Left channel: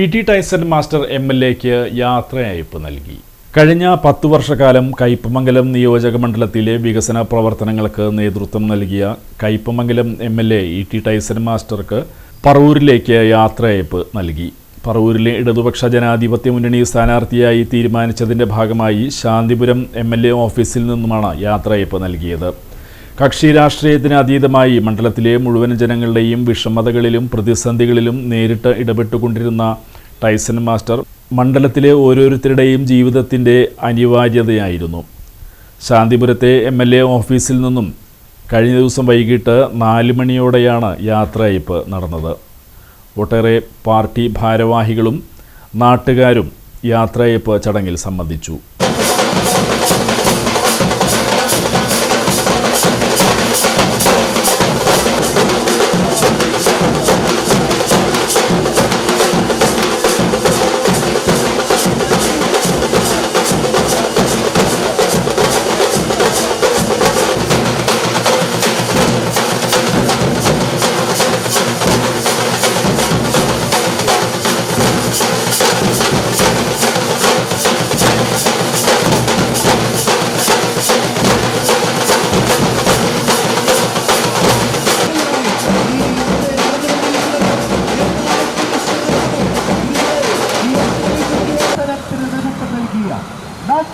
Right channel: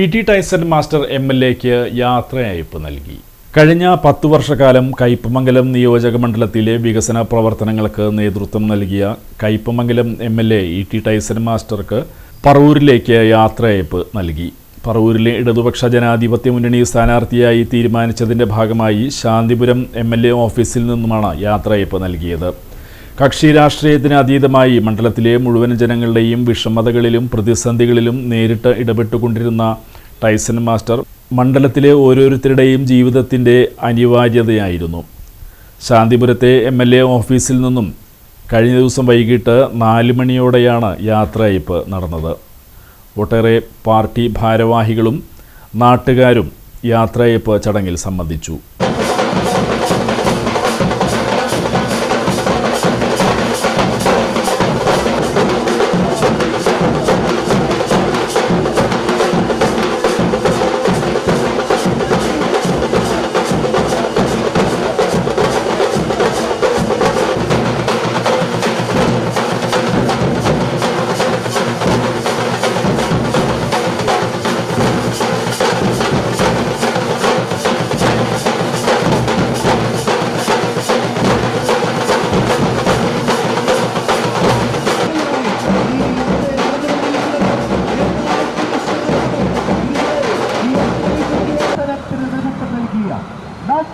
ഇ.ടി. Tyson master എം.എൽ.എക്ക് യാത്രയയപ്പ് നൽകി. കഴിഞ്ഞ 10 വർഷക്കാലം കയ്പമംഗലം നിയോജകമണ്ഡലത്തിലെ വികസന പ്രവർത്തനങ്ങൾക്ക് നേതൃത്വം നൽകിയ കയ്പമംഗലം എം.എൽ.എ ഇ.ടി. ടൈസൺ മാസ്റ്റർക്ക് പറവൂരിലേക്ക് യാത്രയയപ്പ് നൽകി. പറവൂരിലെ ഇടതുപക്ഷ ജനാധിപത്യ മുന്നണി സ്ഥാനാർത്ഥിയായി തീരുമാനിച്ചതിൻ്റെ ഭാഗമായി ശാന്തിപുരം എം.എൽ.എ ഓഫീസിൽ നിന്നുമാണ് യാത്രയയപ്പ് നൽകിയത്. കക്ഷി രാഷ്ട്രീയത്തിന് അതീതമായി മണ്ഡലത്തിലെ മുഴുവൻ ജനങ്ങളുടെയും വിഷമതകളിലും പ്രതിസന്ധികളിലും നേരിട്ട് ഇടപെട്ടുകൊണ്ടിരുന്ന ടൈസൺ മാസ്റ്റർ മണ്ഡലത്തിലെ ഓരോരുത്തരുടെയും ജീവിതത്തിൻ്റെ അനിവാര്യതയായിരുന്നു. ശാന്തിപുരത്തെ എം.എൽ.എ ഓഫീസിൽ നിന്നും കഴിഞ്ഞ ദിവസം വൈകിട്ട് 4 മണിയോടെയാണ് യാത്രയയപ്പ് നടന്നത്. ഒട്ടേറെ പാർട്ടി ഭാരവാഹികളും നാട്ടുകാരും യാത്രയയപ്പ് ചടങ്ങിൽ സംബന്ധിച്ചു.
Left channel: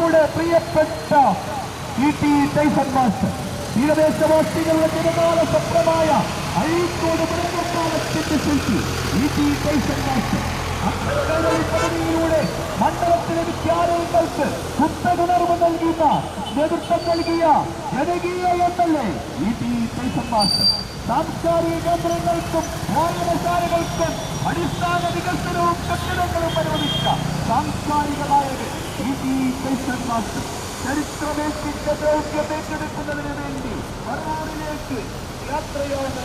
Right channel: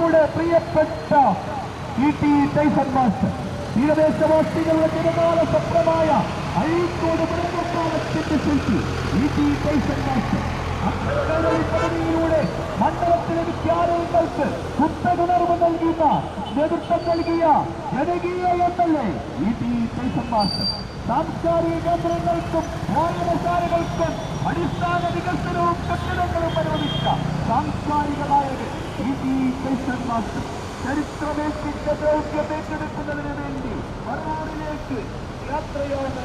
നമ്മുടെ പ്രിയപ്പെട്ട ഇ.ടി. ടൈസൺ മാസ്റ്റർ തീരദേശവാസികളുടെ ജനകാല സ്വപ്നമായ അഴീക്കോട് മൃഗപാലത്തിന്റെ ശില്പി ഇ.ടി. ടൈസൺ മാസ്റ്റർ പദ്ധതിയിലൂടെ മണ്ഡലത്തിലെ വിദ്യാലയങ്ങൾക്ക് പുസ്തകനിർമ്മ നൽകുന്ന നേതൃത്വം നൽകിയ ജനകീയ എം.എൽ.എ ഇ.ടി. ടൈസൺ മാസ്റ്റർ സാംസ്കാരിക കേന്ദ്രങ്ങൾക്കും വായനശാലകൾക്കും അടിസ്ഥാന വികസനവും കെട്ടിടങ്ങളും അനുവദിച്ച സാംസ്കാരിക നായകൻ ഇ.ടി. ടൈസൺ മാസ്റ്റർ ചരിത്രമേൽപ്പിച്ച ദൗത്യം ഏറ്റെടുക്കുന്നതിന് വേണ്ടി പറവൂരിലേക്ക് യാത്രയോടെ